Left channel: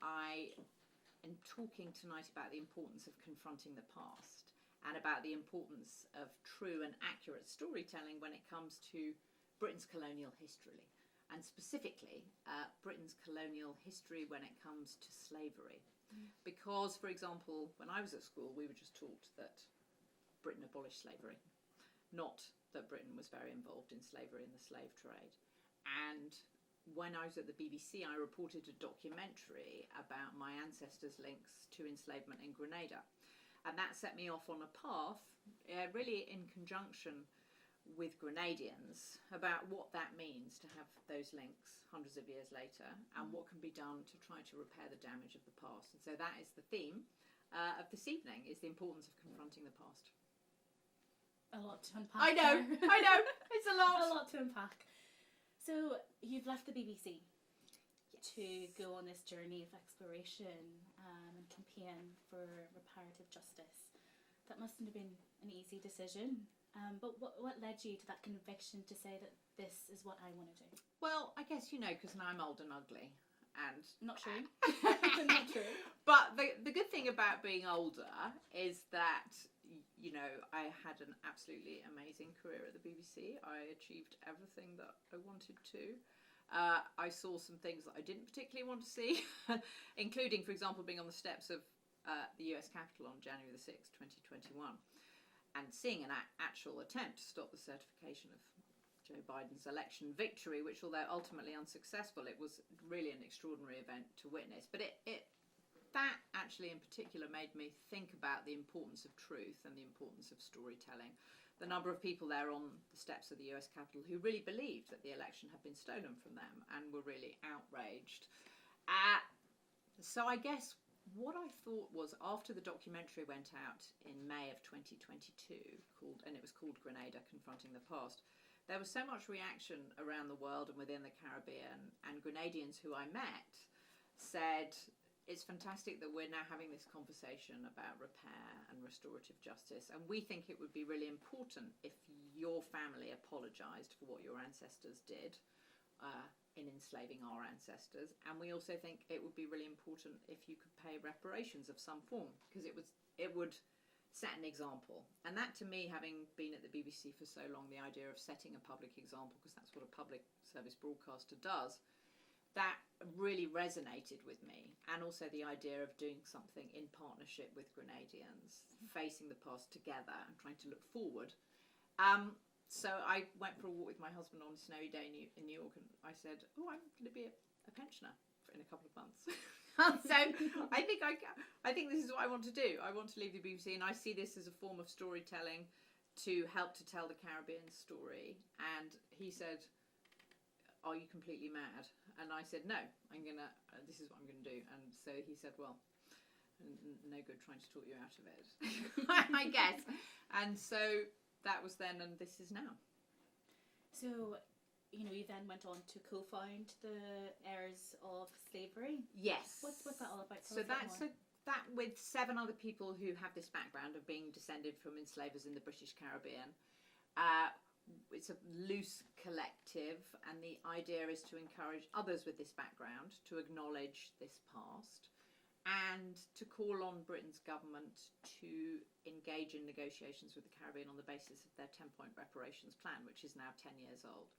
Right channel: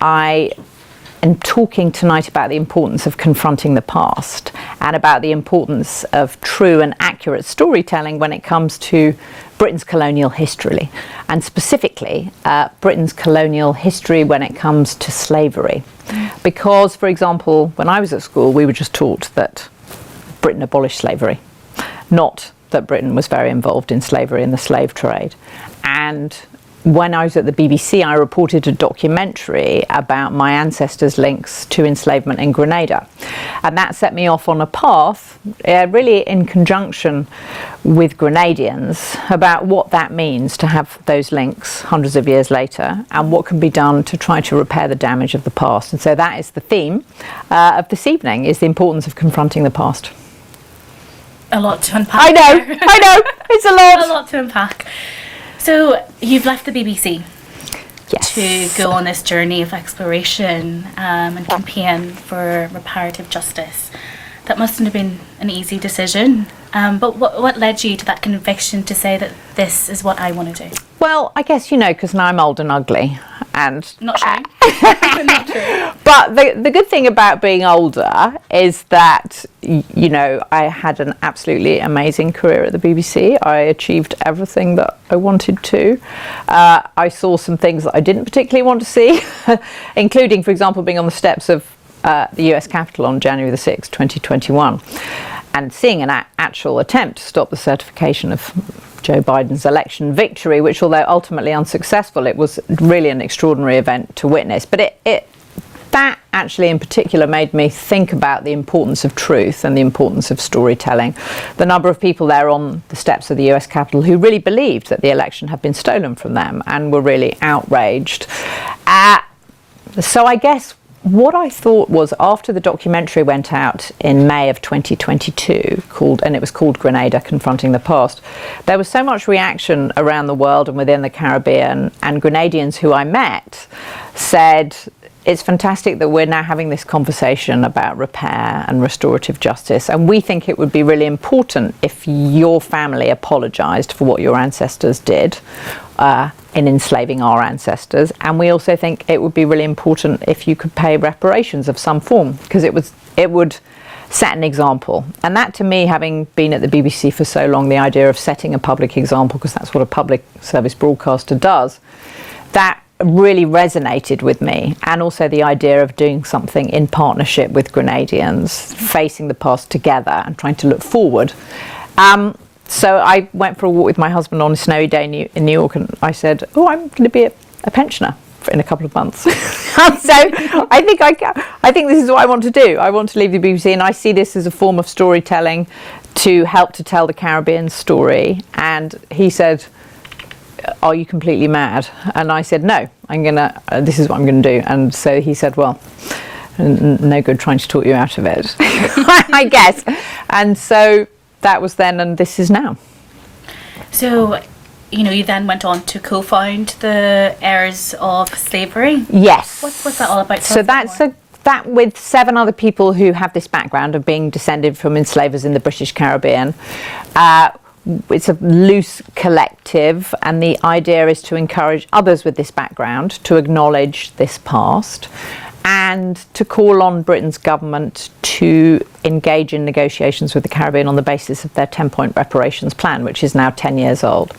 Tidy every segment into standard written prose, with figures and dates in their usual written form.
I am talking tonight about the importance of confronting the past and about the importance of true and accurate storytelling when it comes to Britain's colonial history, and specifically Britain's colonial history when it comes to slavery. Because, for example, when I was at school, we were just taught that Britain abolished slavery, not that Britain was very involved in slavery and the slave trade. And when I was at the BBC, I reported a documentary about my ancestors' links to enslavement in Grenada. And that set me off on a path, really in conjunction with Grenadians, about what that means to have those links hundreds of years later and what can be done to try to repair the damage of the past. And so that is the theme of this evening, is the importance of confronting the past. A lot to unpack. I know, it's a lot. A lot to unpack. So you've left the BBC yes. to go on this journey of exploration and campaign for reparative justice. That mustn't have been an easy decision. But what led you to that conviction to say that this is what I want to do? Well, I guess, because now I'm old and ugly. And not true. Not true. But the good thing about being older is that, I had an absolutely amazing career at the BBC. I achieved everything that I wanted to. I saw some things that I didn't particularly want to see, including, for example, being on the steps of the US Capitol on January the 6th, 2021. And seeing an actual attempt to stop the certification of Joe Biden's election victory, which, although ultimately unsuccessful, it was really an extraordinary event to witness. But that actually in particular made me think about the importance of truth and the importance of storytelling. The number of people there on the steps of the US Capitol who really believed that the election had been stolen from them and were really outraged. So I guess what I thought was, after the documentary went out in May of 2022, and it was called Grenada, Confronting the Past, there was so much reaction around the world and within the Caribbean, and Grenadians who I met said, it's fantastic that we're now having this conversation about repair and restorative justice, and we think it would be really important if your family apologised for what your ancestors did in enslaving our ancestors, and we also think it would be really important if you could pay reparations of some form, because it would set an example. And that, to me, having been at the BBC for so long, the idea of setting a public example, because that's what a public service broadcaster does, that really resonated with me. And also the idea of doing something in partnership with Grenadians, facing the past together and trying to look forward. So I went for a walk with my husband on a snowy day in New York, and I said, I'm going to be a pensioner in a couple of months. So I think this is what I want to do. I want to leave the BBC, and I see this as a form of storytelling to help to tell the Caribbean story. And he said, are you completely mad? And I said, no, this is what I'm going to do. And so he said, well, no good trying to talk you out of it, I guess. And so that was then, and this is now. So, you then went on to co-found the Heirs of Slavery. Yes. What's that all about? So that with 7 other people who have this background of being descended from enslavers in the British Caribbean. It's a loose collective, and the idea is to encourage others with this background to acknowledge this past and to call on Britain's government to engage in negotiations with the Caribbean on the basis of their 10-point reparations plan, which is now 10 years old.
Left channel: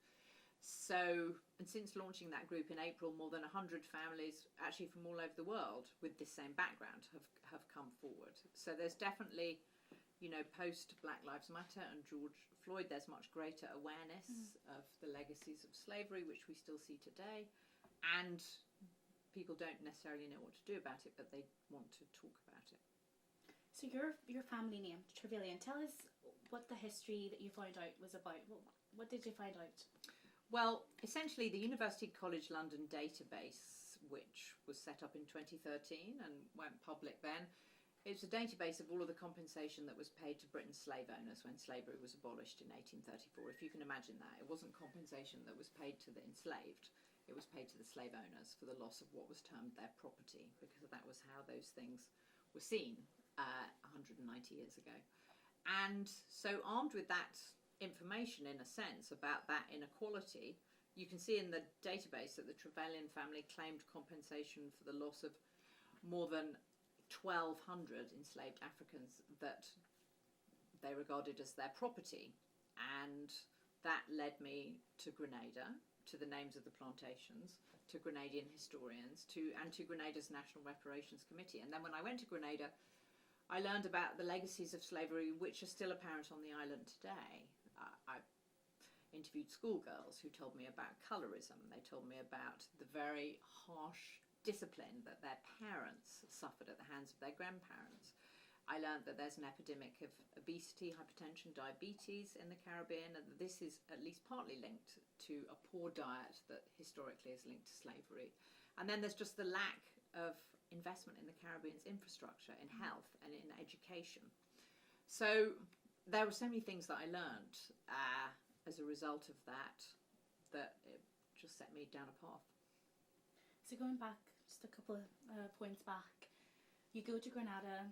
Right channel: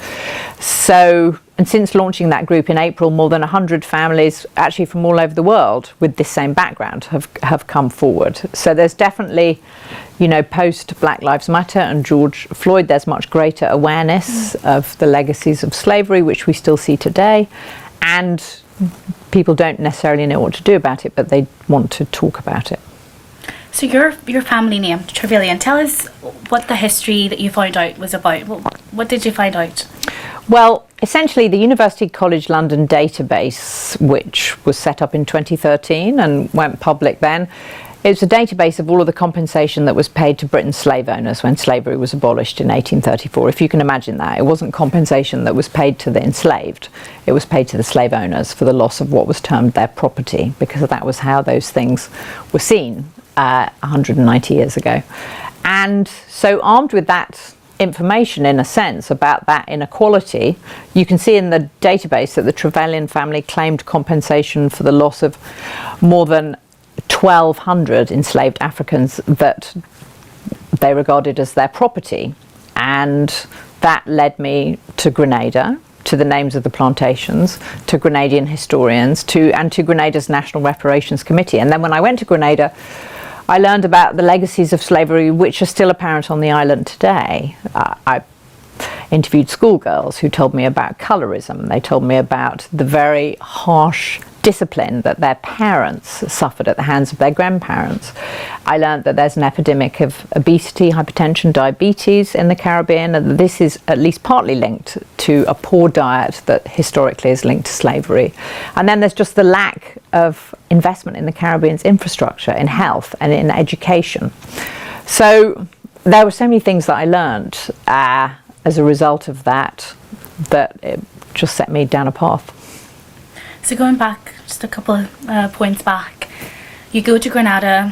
So, and since launching that group in April, more than 100 families, actually from all over the world, with this same background have come forward. So there's definitely, post Black Lives Matter and George Floyd, there's much greater awareness of the legacies of slavery, which we still see today. And people don't necessarily know what to do about it, but they want to talk about it. So your family name, Trevelyan, tell us what the history that you found out was about. What did you find out? Well, essentially the University College London database, which was set up in 2013 and went public then, it's a database of all of the compensation that was paid to Britain's slave owners when slavery was abolished in 1834. If you can imagine that, it wasn't compensation that was paid to the enslaved. It was paid to the slave owners for the loss of what was termed their property, because that was how those things were seen 190 years ago. And so armed with that information, in a sense, about that inequality. You can see in the database that the Trevelyan family claimed compensation for the loss of more than 1,200 enslaved Africans that they regarded as their property. And that led me to Grenada, to the names of the plantations, to Grenadian historians, and to Grenada's National Reparations Committee. And then when I went to Grenada, I learned about the legacies of slavery which are still apparent on the island today. I interviewed schoolgirls who told me about colorism. They told me about the very harsh discipline that their parents suffered at the hands of their grandparents. I learned that there's an epidemic of obesity, hypertension, diabetes in the Caribbean, and this is at least partly linked to a poor diet that historically is linked to slavery. And then there's just the lack of investment in the Caribbean's infrastructure, in health and in education. So there were so many things that I learned as a result of that it just set me down a path. So going back just a couple of points back, you go to Grenada,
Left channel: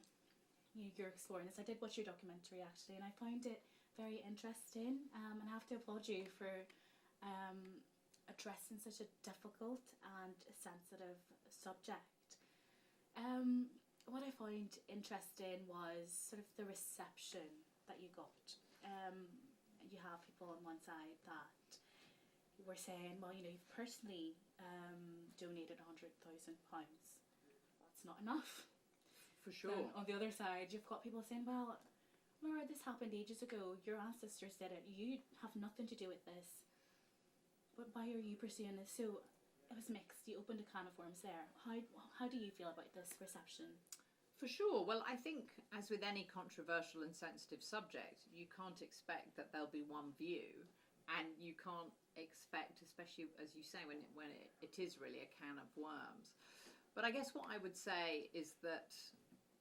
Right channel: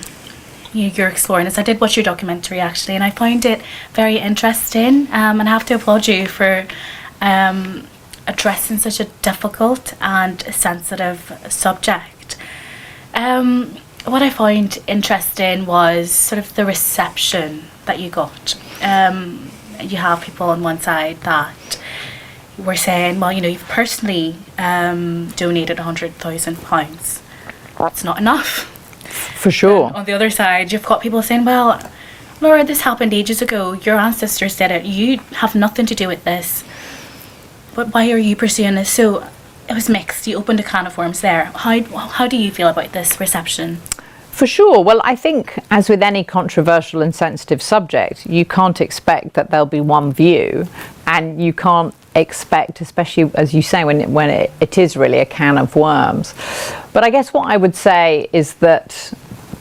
you're exploring this. I did watch your documentary actually, and I found it very interesting, and I have to applaud you for addressing such a difficult and sensitive subject. What I found interesting was sort of the reception that you got. You have people on one side that were saying, well, you've personally donated £100,000. That's not enough. For sure. On the other side, you've got people saying, well, Laura, this happened ages ago. Your ancestors did it. You have nothing to do with this. But why are you pursuing this? So it was mixed. You opened a can of worms there. How do you feel about this reception? For sure. Well, I think, as with any controversial and sensitive subject, you can't expect that there'll be one view, and you can't expect, especially as you say, when it is really a can of worms. But I guess what I would say is that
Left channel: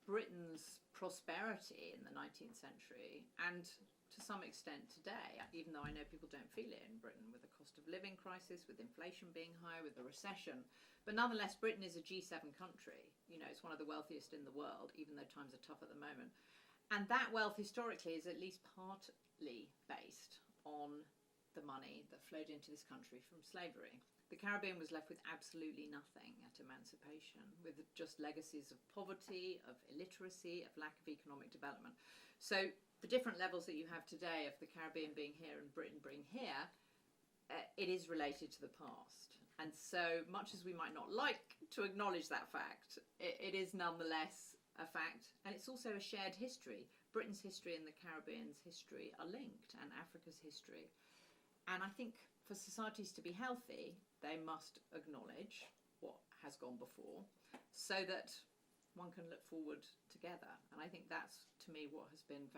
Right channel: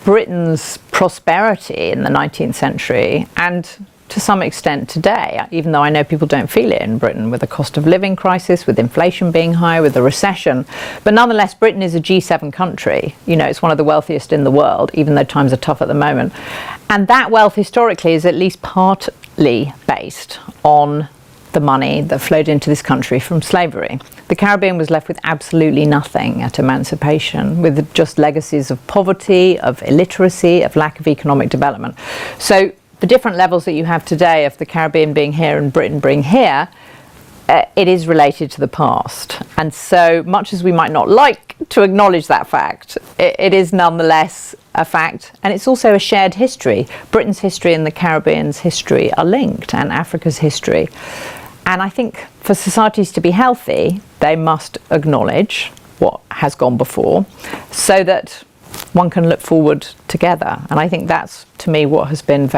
Britain's prosperity in the 19th century, and to some extent today, even though I know people don't feel it in Britain, with the cost of living crisis, with inflation being high, with the recession, but nonetheless Britain is a G7 country. It's one of the wealthiest in the world, even though times are tough at the moment. And that wealth historically is at least partly based on the money that flowed into this country from slavery. The Caribbean was left with absolutely nothing at emancipation, with just legacies of poverty, of illiteracy, of lack of economic development. So the different levels that you have today of the Caribbean being here and Britain being here, it is related to the past. And so much as we might not like to acknowledge that fact, it is nonetheless a fact. And it's also a shared history. Britain's history and the Caribbean's history are linked, and Africa's history. And I think for societies to be healthy, they must acknowledge what has gone before so that one can look forward together. And I think that's, to me, what has been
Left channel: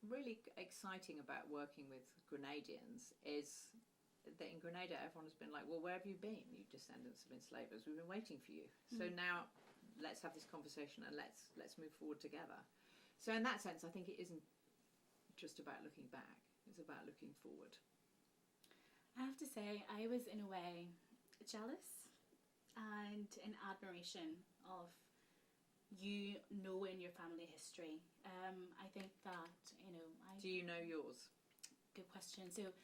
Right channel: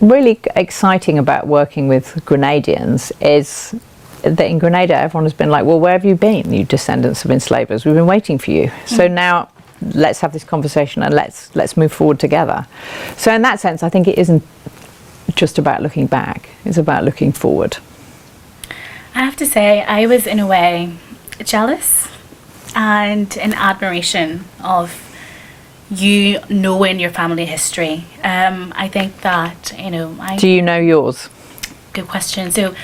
really exciting about working with Grenadians, is that in Grenada everyone has been like, well, where have you been, you descendants of enslavers? We've been waiting for you. So now let's have this conversation and let's move forward together. So in that sense, I think it isn't just about looking back, it's about looking forward. I have to say, I was in a way jealous and in admiration of you knowing your family history. I think that, Do you know yours? Good question. So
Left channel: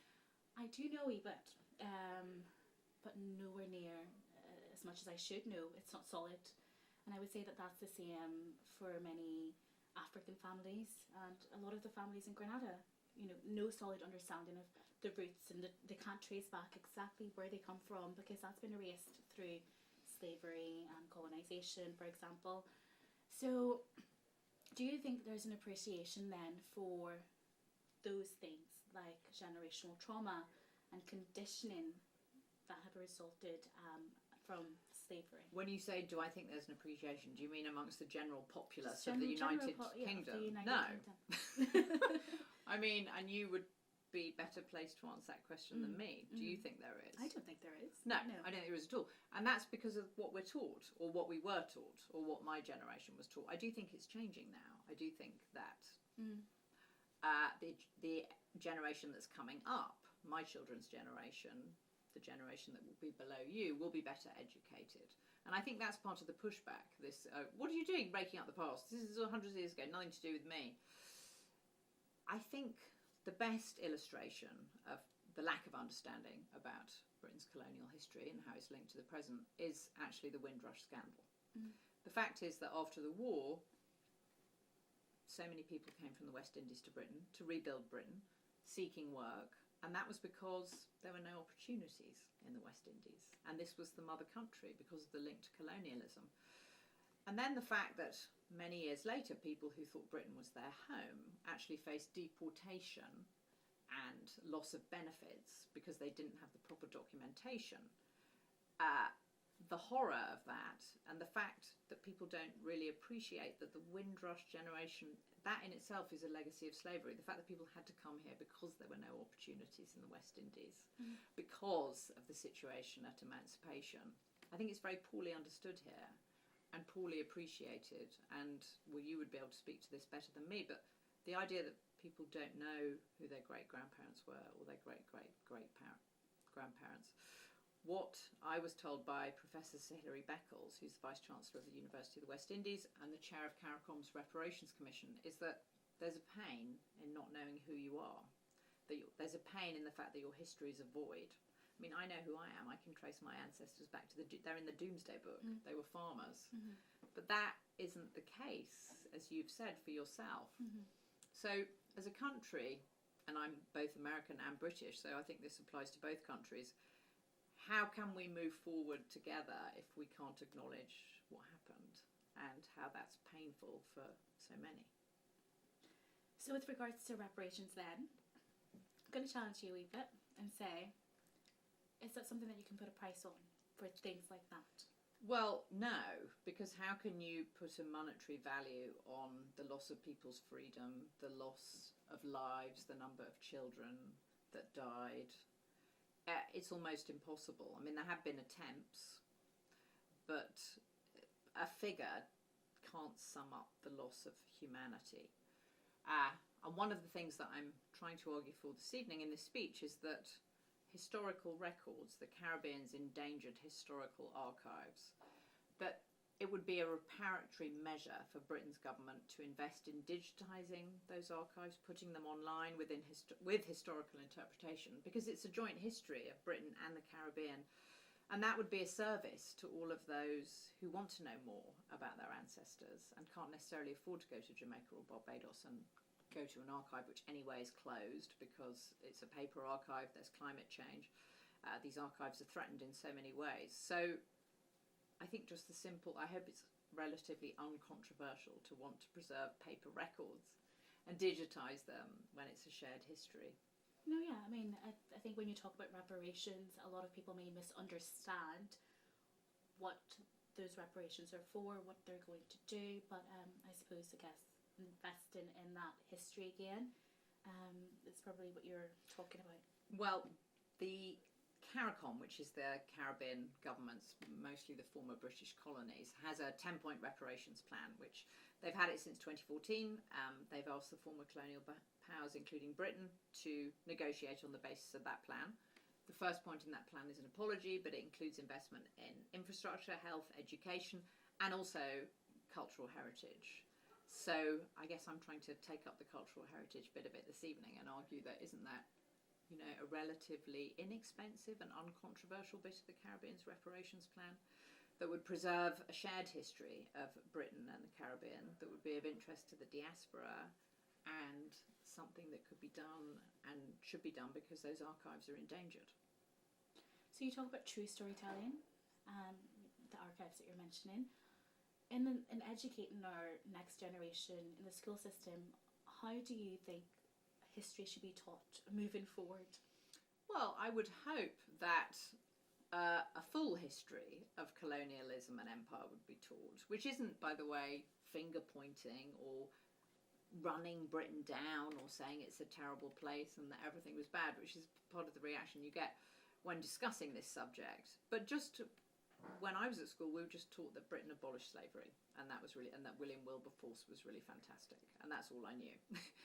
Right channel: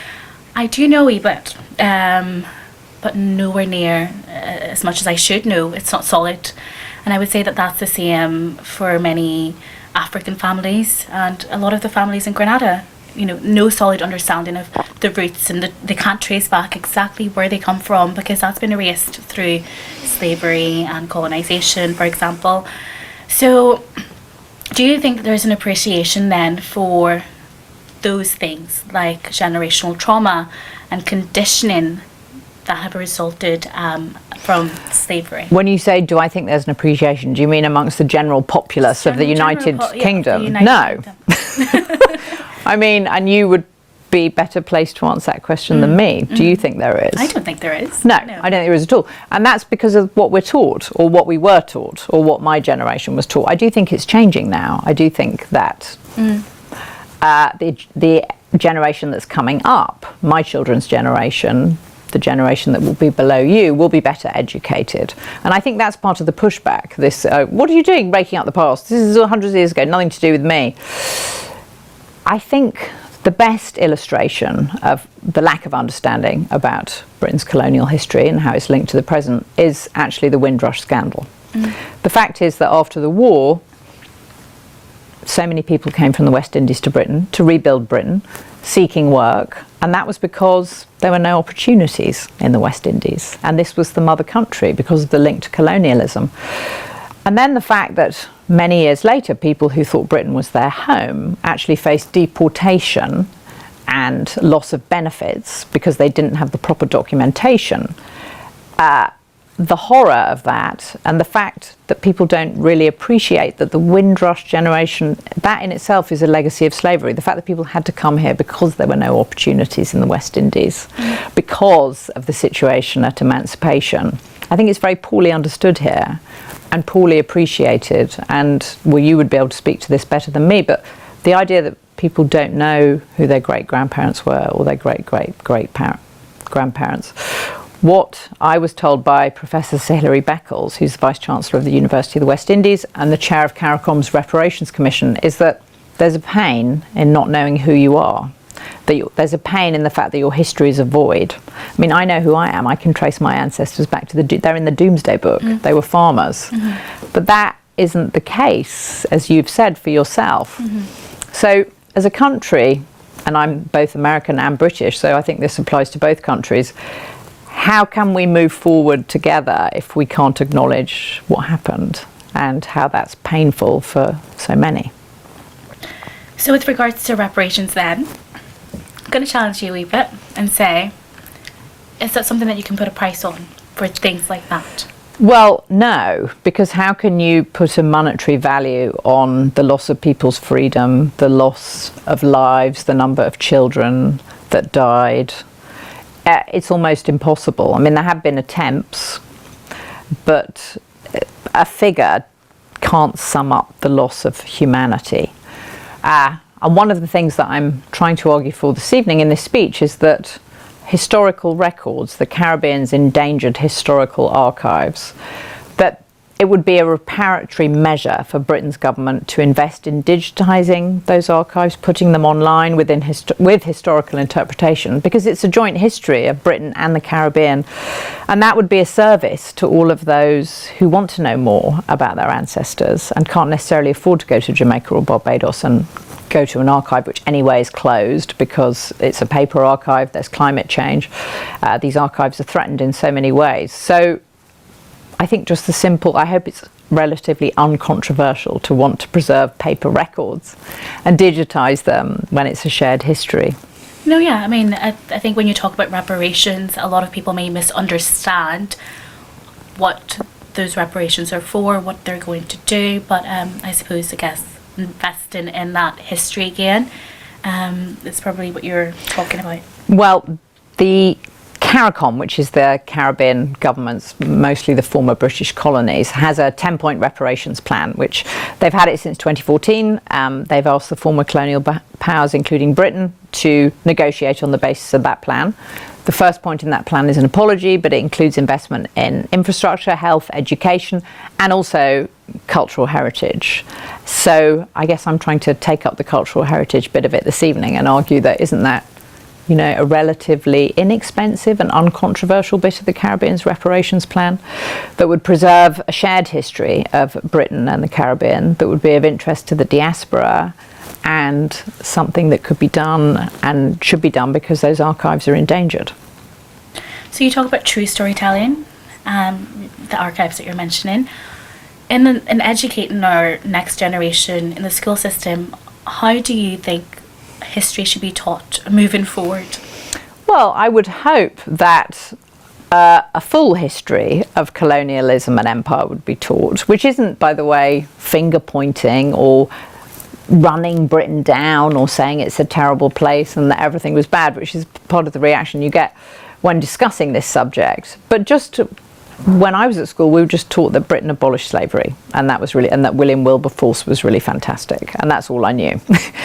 I do know a wee bit, but nowhere near as much as I should know. It's not solid. And I would say that that's the same for many African families, and a lot of the families in Grenada, no solid understanding of the roots, and they can't trace back exactly where they come from, because that's been erased through slavery and colonisation, for example. So do you think there's an appreciation then for those things like generational trauma and conditioning that have resulted from slavery? When you say, do I think there's an appreciation, do you mean amongst the general populace of the United Kingdom? No. I mean, and you would be better placed to answer that question than me. Do you think there is? I don't think there is. No, I don't think there is at all. And that's because of what we're taught, or what we were taught, or what my generation was taught. I do think it's changing now. I do think that the generation that's coming up, my children's generation, the generation that will be below you, will be better educated. And I think that's part of the pushback. This, what are you doing breaking up the past? This is 100 years ago, nothing to do with me. I think The best illustration of the lack of understanding about Britain's colonial history and how it's linked to the present is actually the Windrush scandal. The fact is that after the war, so many people came from the West Indies to Britain to rebuild Britain, seeking work, and that was because there were no opportunities in the West Indies, and this was the mother country because of the link to colonialism. And then the fact that many years later people who thought Britain was their home actually faced deportation and loss of benefits because they didn't have the proper documentation. The horror of that, and the fact that people don't really appreciate that the Windrush generation, that in itself is a legacy of slavery. The fact that people had to come here because there were no opportunities in the West Indies, because of the situation at emancipation. I think it's very poorly understood here and poorly appreciated. And well, you would be able to speak to this better than me, but the idea that people don't know who their great-grandparents were or their great-great-great-grandparents. What I was told by Professor Sir Hilary Beckles, who's the Vice-Chancellor of the University of the West Indies and the Chair of CARICOM's Reparations Commission, is that there's a pain in not knowing who you are. There's a pain in the fact that your history is a void. I mean, I know who I am. I can trace my ancestors back to they're in the Doomsday Book. They were farmers. But that isn't the case, as you've said, for yourself. So as a country, and I'm both American and British, so I think this applies to both countries, how can we move forward together if we can't acknowledge what happened and how that's painful for so many? So with regards to reparations then, I'm going to challenge you a wee bit and say, is that something that you can put a price on for things like that? Well, no, because how can you put a monetary value on the loss of people's freedom, the loss of lives, the number of children that died? It's almost impossible. I mean, there have been attempts, but a figure can't sum up the loss of humanity. And one of the things that I'm trying to argue for this evening in this speech is that historical records, the Caribbean's endangered historical archives, that it would be a reparatory measure for Britain's government to invest in digitising those archives, putting them online with historical interpretation, because it's a joint history of Britain and the Caribbean. And that would be a service to all of those who want to know more about their ancestors and can't necessarily afford to go to Jamaica or Barbados and go to an archive which anyway is closed because it's a paper archive, there's climate change. These archives are threatened in so many ways. So I think just the simple, I hope it's relatively uncontroversial to want to preserve paper records and digitise them when it's a shared history. No, yeah, I mean, I think when you talk about reparations, a lot of people may misunderstand what those reparations are for, what they're going to do, but I suppose, I guess, investing in that history again is probably what you're talking about. Well, the CARICOM, which is the Caribbean governments, mostly the former British colonies, has a 10-point reparations plan, which they've had it since 2014. They've asked the former colonial powers, including Britain, to negotiate on the basis of that plan. The first point in that plan is an apology, but it includes investment in infrastructure, health, education, and also cultural heritage. So I guess I'm trying to take up the cultural heritage bit of it this evening and argue that isn't that, you know, a relatively inexpensive and uncontroversial bit of the Caribbean's reparations plan that would preserve a shared history of Britain and the Caribbean that would be of interest to the diaspora and something that could be done and should be done because those archives are endangered. So you talk about true storytelling, the archives that you're mentioning. In educating our next generation in the school system, how do you think history should be taught moving forward? Well, I would hope that a full history of colonialism and empire would be taught, which isn't, by the way, finger pointing or running Britain down or saying it's a terrible place and that everything was bad, which is part of the reaction you get when discussing this subject. But just when I was at school, we were just taught that Britain abolished slavery, and that was really, and that William Wilberforce was really fantastic, and that's all I knew.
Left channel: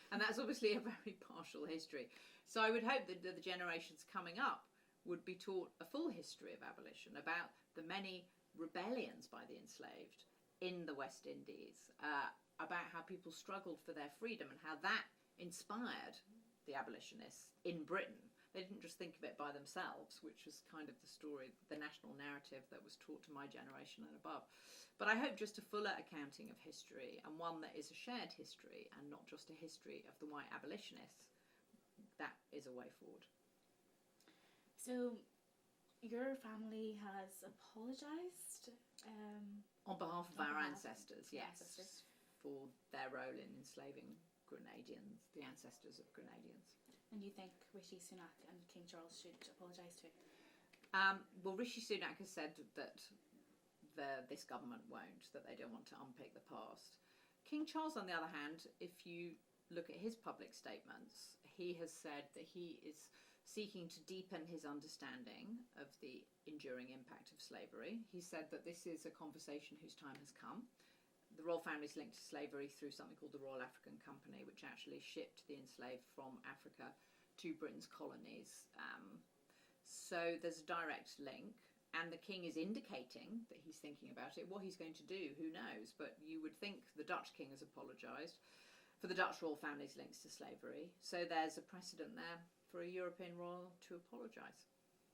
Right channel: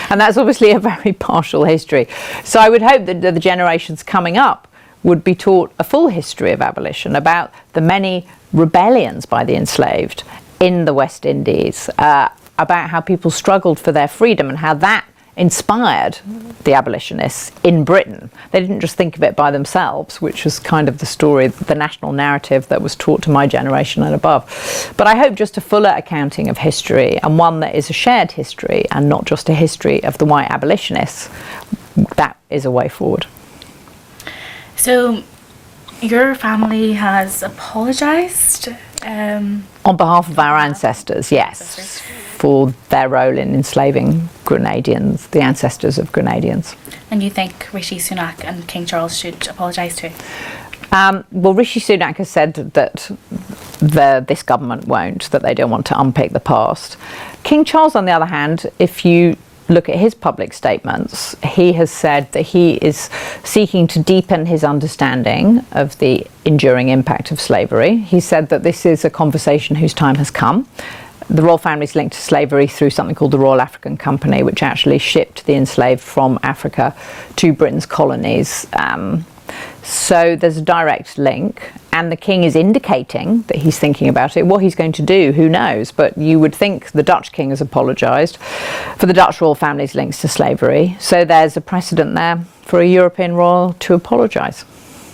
And that's obviously a very partial history. So I would hope that the generations coming up would be taught a full history of abolition, about the many rebellions by the enslaved in the West Indies, about how people struggled for their freedom and how that inspired the abolitionists in Britain. They didn't just think of it by themselves, which was kind of the story, the national narrative that was taught to my generation and above. But I hope just a fuller accounting of history, and one that is a shared history and not just a history of the white abolitionists, that is a way forward. So your family has apologised? On behalf of our ancestors, yes, for their role in enslaving Grenadians, the ancestors of Grenadians. And you think Rishi Sunak and King Charles should apologise too? Well, Rishi Sunak has said that this government won't, that they don't want to unpick the past. King Charles, on the other hand, if you look at his public statements, he has said that he is seeking to deepen his understanding of the enduring impact of slavery. He said that this is a conversation whose time has come. The royal family is linked to slavery through something called the Royal African Company, which actually shipped the enslaved from Africa to Britain's colonies. So there's a direct link, and the king is indicating that he's thinking about it. What he's going to do, who knows? But you would think the Dutch king has apologised for the Dutch royal family's links to slavery. So there's a precedent there for a European royal to apologise.